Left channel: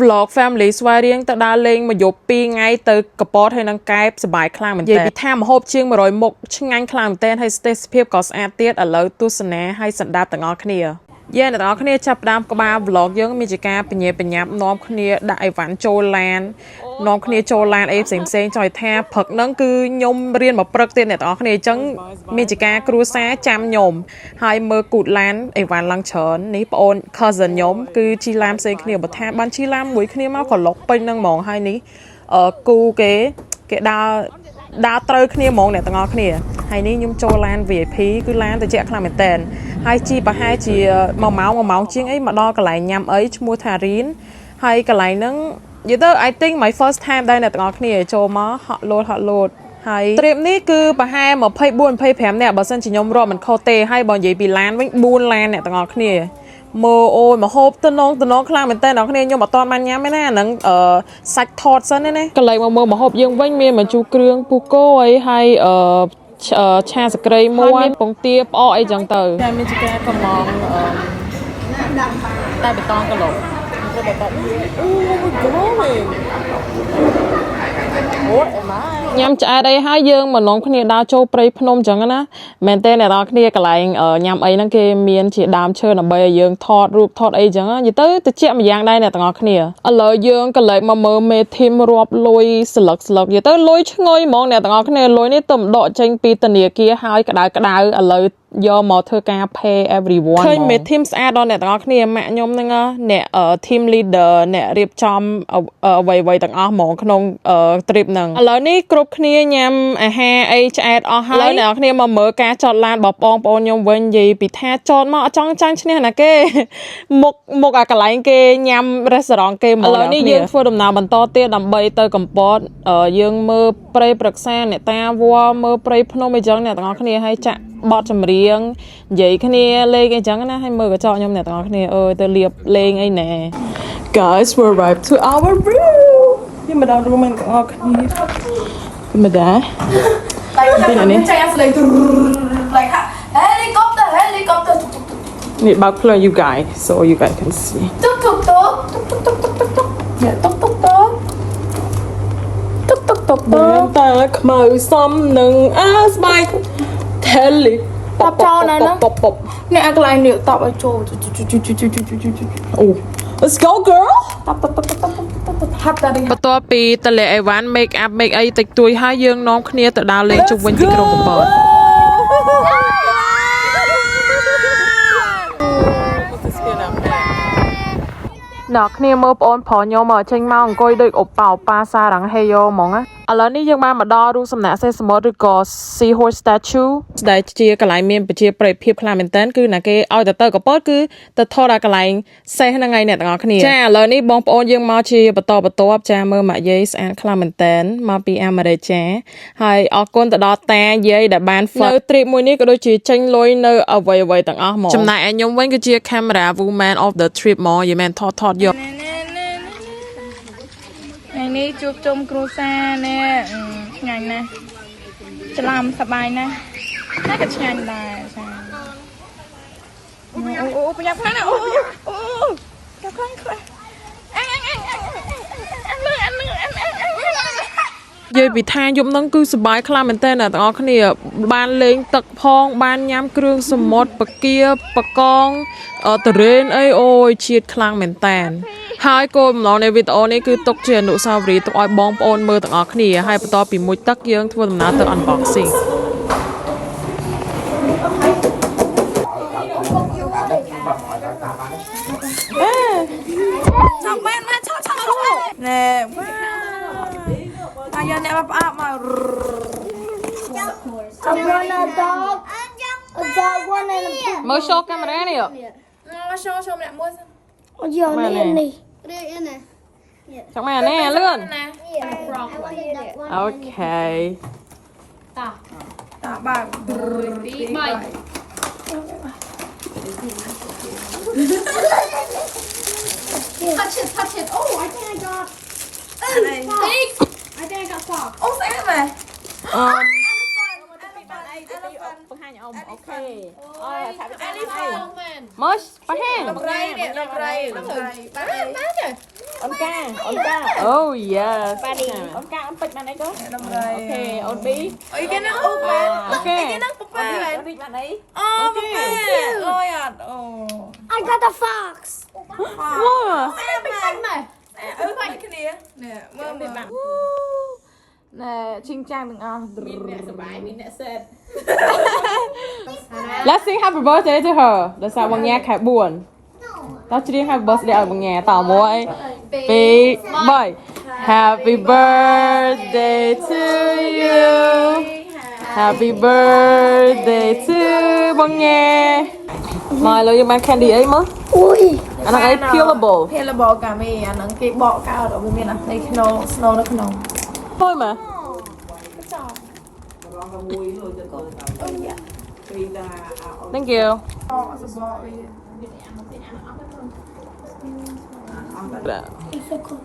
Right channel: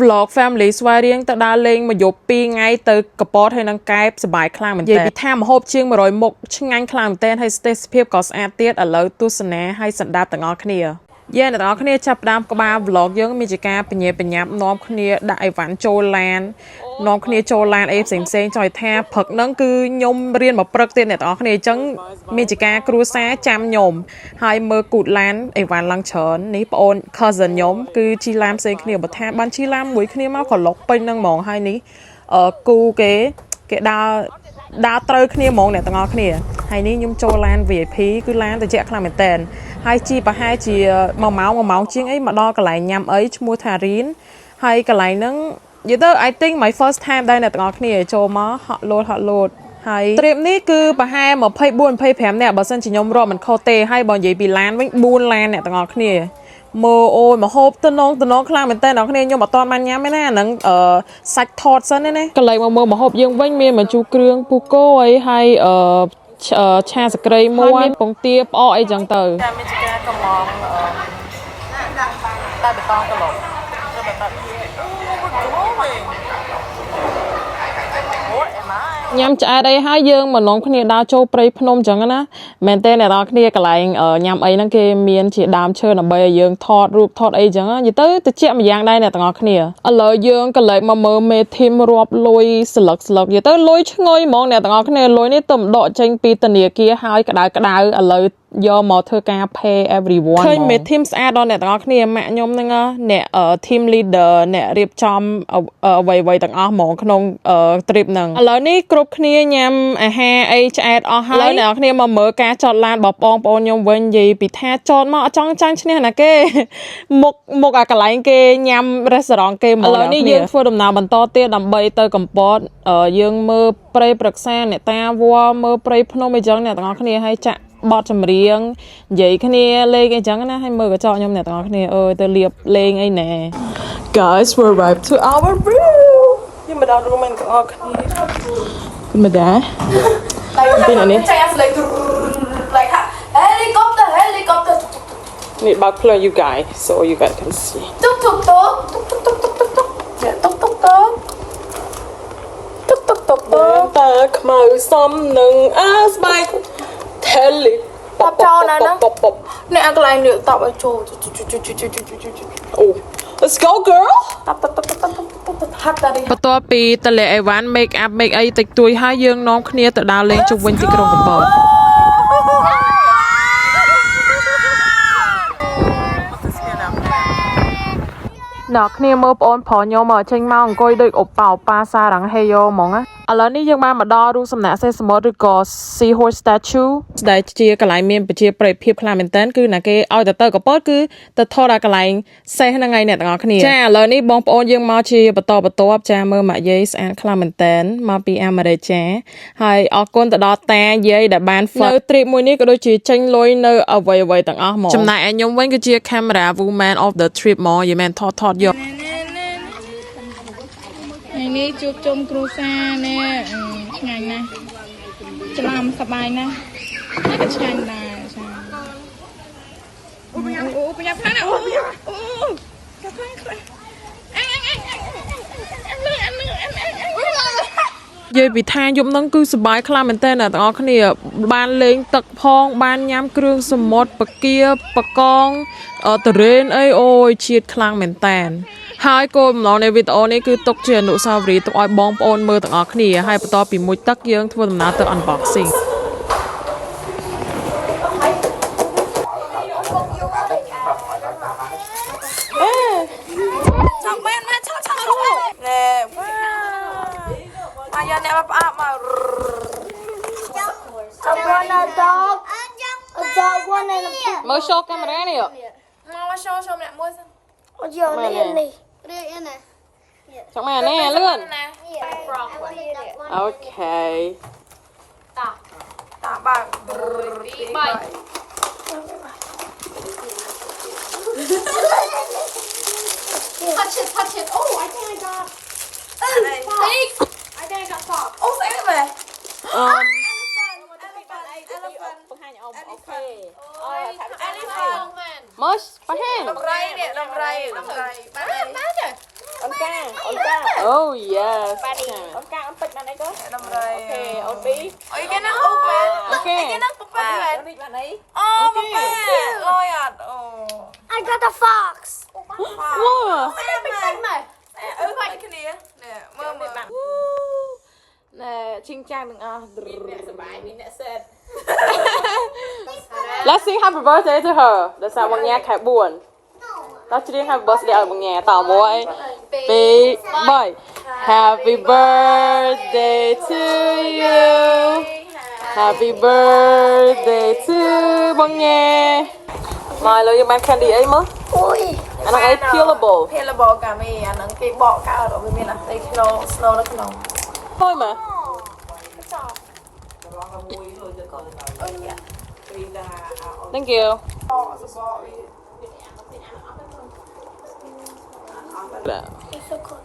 vlog family ស្វាយរៀងទៅដើរលេងមកយប់2ថ្ងៃទៅកពតហើយនឹងកែបសบายខ្លាំងមែនតើនិយាយពីថាម្ហូបជាង100មុខឆ្ងាញ់ខ្លាំងមែនតើហើយស្ទេសភាពក៏ស្អាតទៀតឥឡូវទស្សនាហើយសណ្ដាប់ទាំងអស់គ្នាយើងអ្នកនរគ្នាចាប់ផ្ដើមក្បាល vlog យើងមានជាការបញ្ញាបញ្ញាប់នាំគ្នាដាក់អីវ៉ាន់ចូលឡាននាំគ្នាចូលឡានអីផ្សេងចង់ថាព្រឹកហ្នឹងគឺខ្ញុំរៀនមកព្រឹកទៀតអ្នកនរគ្នាអញ្ចឹងមានជាការគ្រួសារចាំខ្ញុំហើយមើលគូតឡានអីវ៉ាន់ឡើងច្រើននេះបងអូន cousin ខ្ញុំគឺជីឡានផ្សេងគ្នាបើថាបានជីឡានមួយគ្នាមកក៏លុកពេញហ្នឹងហ្មងហើយនេះគូគេដើរត្រូវគ្នាហ្មងអ្នកទាំងអស់គ្នាហើយនេះខ្ញុំចូលឡាន VIP គឺឡានត្រជាក់ខ្លាំងមែនតើហើយជីប្រហែលជា1ម៉ោងជាងអីមកដល់កន្លែងញ៉ាំអីឈ្មោះថារីនហើយកន្លែងហ្នឹងនិយាយទៅ I think my first time ដែរអ្នកទាំងអស់គ្នាចូលមកហក់លោតហើយទ្រីបនេះគឺប្រហែល24-25នាក់បើសិនជាខ្ញុំរាប់មិនខុសទេហើយបើនិយាយពីឡានវិញ4ឡានអ្នកទាំងអស់គ្នាមើលអូយមកហូបតំណងខ្លាំងមែនតើអ្នកគ្នាខ្ញុំអត់ទាន់បានញ៉ាំទេណាហ្នឹងសាច់ថតសិនណាកន្លែងមកមើលមកហូបយើងវិញមានបញ្ជូរគ្រឿងពុះគោអីហើយឆាសក្រីមួយមានពងទាផ្អកអីចឹងទៅតែមានជាការកំងតែបេតងកន្លប់ត្រូវបេតងអូញ៉ាំឆ្អែតអីហើយយើងមកនាំគ្នាដើរចូលព្រៃភ្នំចឹងណាមែនទេអ្នកនរគ្នាកន្លែងញ៉ាំអីហ្នឹងគេមានជាដើមឈើដើម្បីឲ្យយើងថតរូបថតអីចឹងនិយាយទៅតិចម្យ៉ាងដែរអ្នកទាំងអស់គ្នាឥឡូវយើងក៏លេចមកមើលមេធីមរាប់លុយស្លឹកនិយាយទៅលុយឈ្ងុយហ្មងអ្នកទាំងអស់គ្នាលុយនេះទៅដកចេញពីធនាគារហើយក្តៅឥឡូវយកមកធ្វើការ pay everyone ឃើញមេធីមស្អាតដល់អ្នកទាំងអស់គ្នាម៉ាក់ខ្ញុំហ្នឹងអ្នក team leader អ្នករៀបចំអ្វីទាំងអស់ហ្មងក្នុង trip ហ្នឹងឥឡូវនេះគ្រប់គ្នាញ៉ាំអាហារអីឆ្អែតអស់ហើយអ្នកទាំងអស់គ្នាមកមើលការចតឡានរបស់បងប្អូនខ្ញុំវិញនិយាយពីថាចតមកអត់ចង់ចាញ់ឈ្នះណាគេមុខអាកន្លែងគេញ៉ាំ restaurant គេមកឥឡូវនេះយើងធ្វើដំណើរបន្តទៀតដើម្បីទៅកំពតយើងមើលព្រៃព្រឹក្សាអ្នកតាវត្តមើលព្រៃភ្នំអីចឹងអ្នកទាំងអស់គ្នាហើយចាក់បត់ចម្រៀងនិយាយគ្នាលេងអីចឹងណាហើយមើលកញ្ចក់ខ្ញុំអ្នកទាំងអស់គ្នាអើយទៅលៀបលេងអីណែ Guys we arrived to our room យើងមកដល់ room ហ្នឹងទាំងអស់គ្នាមិនដែរពេលនេះចាញ់អា like helicopter នេះបើកផ្លូវ you guys so you guys can see តុកតើខ្មៅសំនឹងស្បែកHeli pop Nè cái này nữa tao ở chỗ Let's go girl បន្ទាប់ពីតលេអីវ៉ាន់ make up make អីតិចតួចហើយយើងនាំគ្នាទៅដើរលេងជុំវិញទីក្រុងកំពតអ្នកគ្នាមើលបងប្អូនប្រុសខ្ញុំចេញមកអង្គុយដូចអូប៉ាសារ៉ាំងហេយ៉ូហ្មងណាឥឡូវនេះយើងបានមកដល់រូបសំណាកសេះសមុទ្រឬក៏ Sea Horse Statue ដែលជាកន្លែងមានប្រជាប្រិយភាពខ្លាំងមែនតើគឺណាគេឲ្យទៅកពតគឺទៅថតដល់កន្លែងសេះហ្នឹងហើយអ្នកទាំងអស់គ្នាចាឥឡូវនេះបងប្អូនយើងមកជាបន្តចាមើលម៉ាក់យាយស្អាតខ្លាំងមែនតើមកពីអាមេរិកចាហើយអរគុណទៅដល់តាយាយដែលបាន នៅ trip មួយនេះក៏ដូចជាចេញលុយនៅអ្វីទាំងអស់ហ្មងចំណែកឯខ្ញុំវិញគឺជា camera woman of the trip ហ្មងយីមែនថតយកនេះជួបជុំគ្រួសារនេះឆ្ងាញ់ណាស់ច្រឡំសប្បាយណាស់តែក៏ឆ្ងាញ់ដែរចាអូប្រញាប់ខ្លាំងណាស់អូខ្លាំងនិយាយពីថាយប់ហ្នឹងគឺសប្បាយខ្លាំងមែនតើអ្នកទាំងអស់គ្នាបានលេងទឹកផងបានញ៉ាំគ្រឿងសមុទ្របកាបកងតរ៉េនអីអូយជាតិខ្លាំងមែនតើហើយគោលបំណងនៃវីដេអូនេះគឺទុកជាអនុស្សាវរីយ៍ទុកឲ្យបងប្អូនមើលទាំងអស់គ្នាហើយបន្តពីមួយទឹកយើងធ្វើដំណើរទៅ unboxing ណែមកយកអ្នកផ្អាប់មក I want a dog one and មើល show កាមេរ៉ានេះមក show ម្នាក់មួយសិនអូយកនេះនេះណាចាំមកនេះលឿនណា frog one okay តាបើកទី3 touch it oh I think I got frog អូស្អីមែនelephant man mush ដំរីនេះដំរីបាទ Buddy. Đâm đây. Ôi cái nó úp bạn. Cái nó búp bạn. Búp bạn. Lôi à. I got the fox. Nè, mơ mơ. Nè, chinh trang đừng à. Let's sing happy birthday to her. Để sao bằng nhạc khá buồn. Tao chỉ riêng happy birthday ở bằng nhạc tao mỗi. Big boy. Happy birthday to you. Happy birthday to bằng nhạc. Mời lời bạn candy ấy mất. Ui. And it's killable. เพลระบอกกาเมย์อันนั้นเก๊กบอกก้าวดอกไม่เป็นอ่ะในขนมสโนว์แล้วขนม Vui mà. Thank you. It's so cool.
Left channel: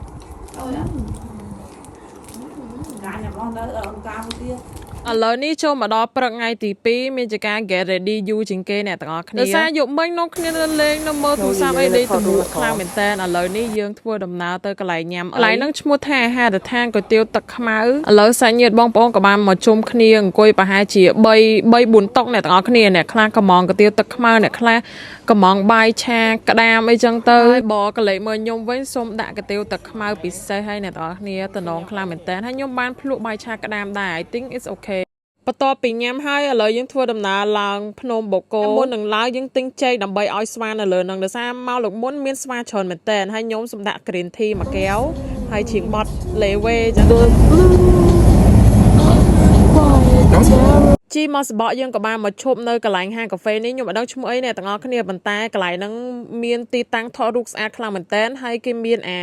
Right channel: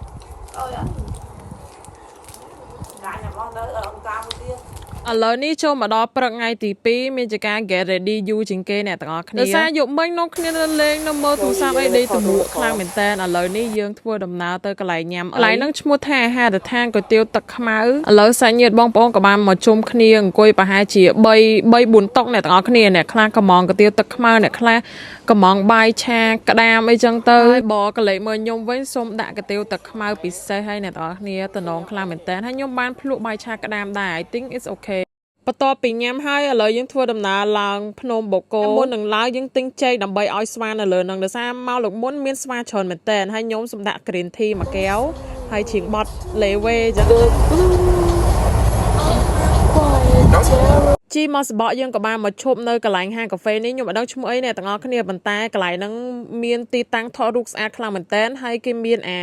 ឥឡូវនេះចូលមកដល់ព្រឹកថ្ងៃទី2មានជាការ get ready យូរជាងគេអ្នកទាំងអស់គ្នាដោយសារយប់មិញនោះគ្នានៅលេងនៅមើលទូរស័ព្ទអីដេកតមួកខ្លាំងមែនតើឥឡូវនេះយើងធ្វើដំណើរទៅកន្លែងញ៉ាំកន្លែងហ្នឹងឈ្មោះថាអាហារដ្ឋានគុយទាវទឹកខ្មៅឥឡូវសាច់ញាតិបងប្អូនក៏បានមកជុំគ្នាអង្គុយប្រហែលជា3 4តុអ្នកទាំងអស់គ្នាអ្នកខ្លះក៏មកគុយទាវទឹកខ្មៅអ្នកខ្លះក៏មកបាយឆាក្តាមអីចឹងទៅហើយបកលេចមើលខ្ញុំវិញសូមដាក់គុយទាវទឹកខ្មៅពិសេសហើយអ្នកទាំងអស់គ្នាតំណងខ្លាំងមែនតើហើយខ្ញុំបានភ្លក់បាយឆាក្តាមដែរ I think it's okay បន្ទាប់ពីញ៉ាំហើយឥឡូវយើងធ្វើដំណើរឡើងភ្នំបូកគោមុននឹងឡើងយើងទិញចេកដើម្បីឲ្យស្វានៅលើនឹងដោយសារមកលោកមុនមានស្វាច្រើនមែនតើហើយខ្ញុំសម្ដាក់ green tea មួយកែវហើយជ្រៀងបត់លេវេចឹងជីមកសបកយើងក៏បានមកឈប់នៅកន្លែងហាងកាហ្វេនេះខ្ញុំអត់ដឹងឈ្មោះអីអ្នកទាំងអស់គ្នាប៉ុន្តែកន្លែងហ្នឹងមានទីតាំងថតរូបស្អាតខ្លាំងមែនតើហើយគេមានអា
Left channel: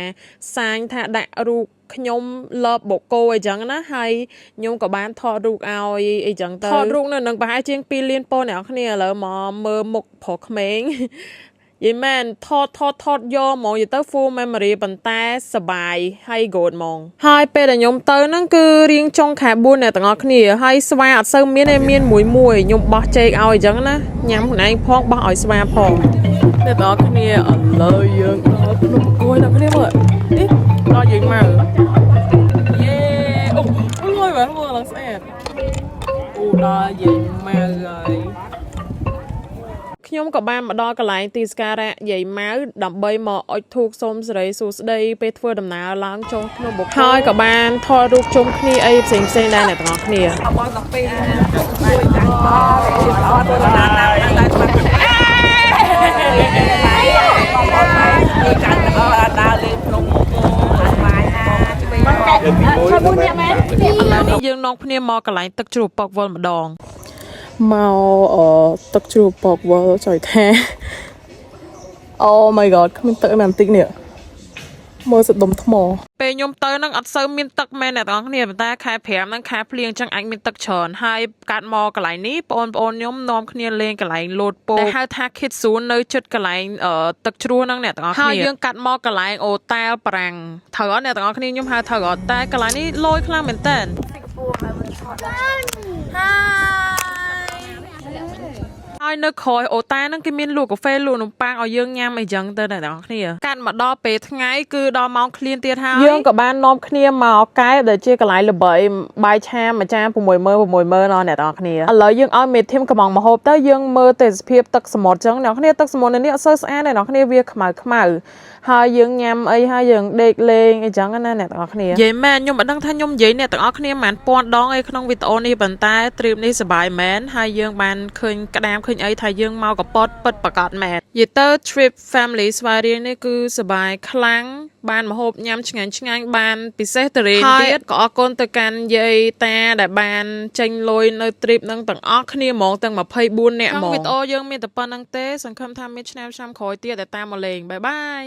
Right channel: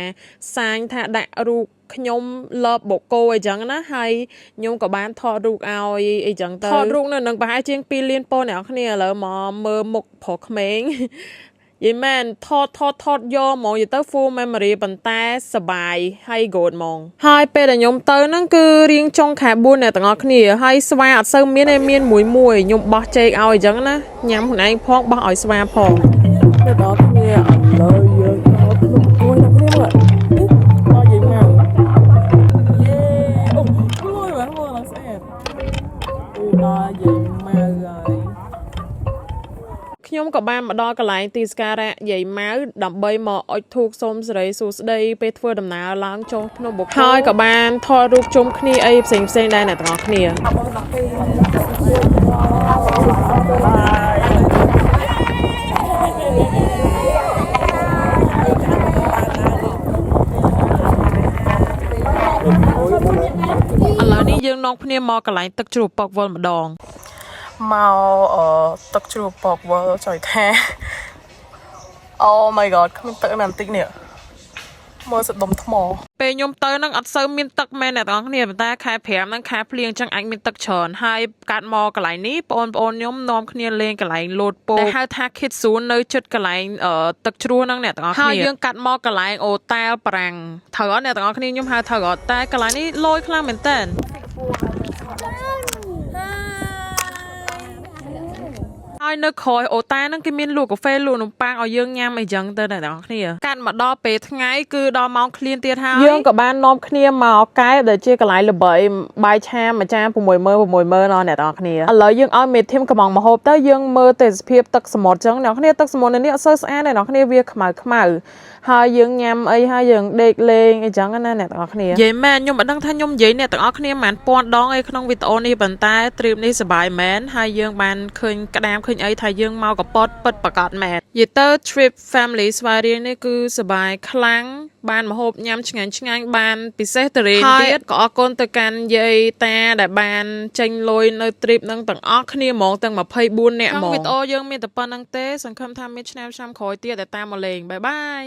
សាញថាដាក់រូបខ្ញុំលបបូកគោអីចឹងណាហើយខ្ញុំក៏បានថតរូបឲ្យអីចឹងទៅថតរូបនៅនឹងប្រហែលជាង2លានប៉ុណ្ណអ្នកគ្នាឥឡូវមកមើលមុខប្រុសក្មេងយីមែនថតយកហ្មងយទៅ full memory ប៉ុន្តែសបាយហើយ good ហ្មងហើយពេលដែលខ្ញុំទៅហ្នឹងគឺរៀងចុងខែ4អ្នកទាំងអស់គ្នាហើយស្វាអត់សូវមានទេមានមួយខ្ញុំបោះចេកឲ្យអញ្ចឹងណាញ៉ាំខ្លួនឯងផងបោះឲ្យស្វាផងអ្នកទាំងអស់គ្នាឥឡូវយើងដល់ភ្នំគួយអ្នកគ្នាមើលនេះដល់យើងមកយេអូលុយមើលឡើងស្អាតអូដល់យើងមកហើយខ្ញុំក៏បានមកដល់កន្លែងទីសក្ការៈយាយម៉ៅដើម្បីមកអុជធូបសូមសិរីសួស្តីពេលធ្វើដំណើរឡើងចូលភ្នំបូកគោហើយក៏បានថតរូបជុំគ្នាអីផ្សេងដែរអ្នកទាំងអស់គ្នាឥឡូវនេះយើងនាំគ្នាមកកន្លែងទឹកជ្រោះពកវល់ម្ដងមកទឹកជ្រោះពកវល់ចុយថា Oh my god គ្មានទឹកណាបន្តិចនេះមើលសដុំថ្មពេលខ្ញុំទៅនឹងអត់សូវមានទឹកមែនអ្នកទាំងអស់គ្នាប៉ុន្តែខែ5ហ្នឹងខែភ្លៀងអញ្ចឹងអាចមានទឹកច្រើនហើយកាត់មកកន្លែងនេះបងប្អូនខ្ញុំនាំគ្នាលេងកន្លែងលោតពោដែលហៅថា Kids Zoo នៅជិតកន្លែងទឹកជ្រោះហ្នឹងអ្នកទាំងអស់គ្នាហើយយើងកាត់មកកន្លែងអូតែលប្រាំងត្រូវអត់អ្នកទាំងអស់គ្នាខ្ញុំហៅត្រូវអត់តែកន្លែងនេះលយខ្លាំងមែនតើហើយនៅក្រោយអូតែហ្នឹងគេមានលក់កាហ្វេលក់នំប៉័ងឲ្យយើងញ៉ាំអីចឹងទៅអ្នកទាំងអស់គ្នាកាត់មកដល់ពេលថ្ងៃគឺដល់ម៉ោងឃ្លានទៀតហើយយើងក៏បាននាំគ្នាមកកែដែលជាកន្លែងល្បីបាយឆាមួយចាន60000ណអ្នកទាំងអស់គ្នាឥឡូវយើងឲ្យមេធីមកំងមហូបទៅយើងមើលទេសភាពទឹកសមុទ្រចឹងអ្នកគ្នាទឹកសមុទ្រនេះអត់សូវស្អាតទេអ្នកគ្នាវាខ្មៅហើយយើងញ៉ាំអីហើយយើងដេកលេងអីចឹងណាអ្នកទាំងអស់គ្នានិយាយមែនខ្ញុំអត់ដឹងថាខ្ញុំនិយាយអ្នកទាំងអស់គ្នាមិនពាន់ដងអីក្នុងវីដេអូនេះប៉ុន្តែទ្រីបនេះសប្បាយមែនហើយយើងបានឃើញក្តាមឃើញអីថាយើងមកកពតពិតប្រកបមែននិយាយទៅ trip family ស្វាយរៀងនេះគឺសប្បាយខ្លាំងបានម្ហូបញ៉ាំឆ្ងាញ់បានពិសេសតរេនទៀតក៏អរគុណទៅកាន់យាយតាដែលបានចេញលុយនៅ trip ហ្នឹងទាំងអស់គ្នាហ្មងទាំង24នាក់ហ្មងវីដេអូយើងមានតែប៉ុណ្្នឹងទេសង្ឃឹមថាមានឆ្នាំក្រោយទៀតដែលតាមមកលេងបាយ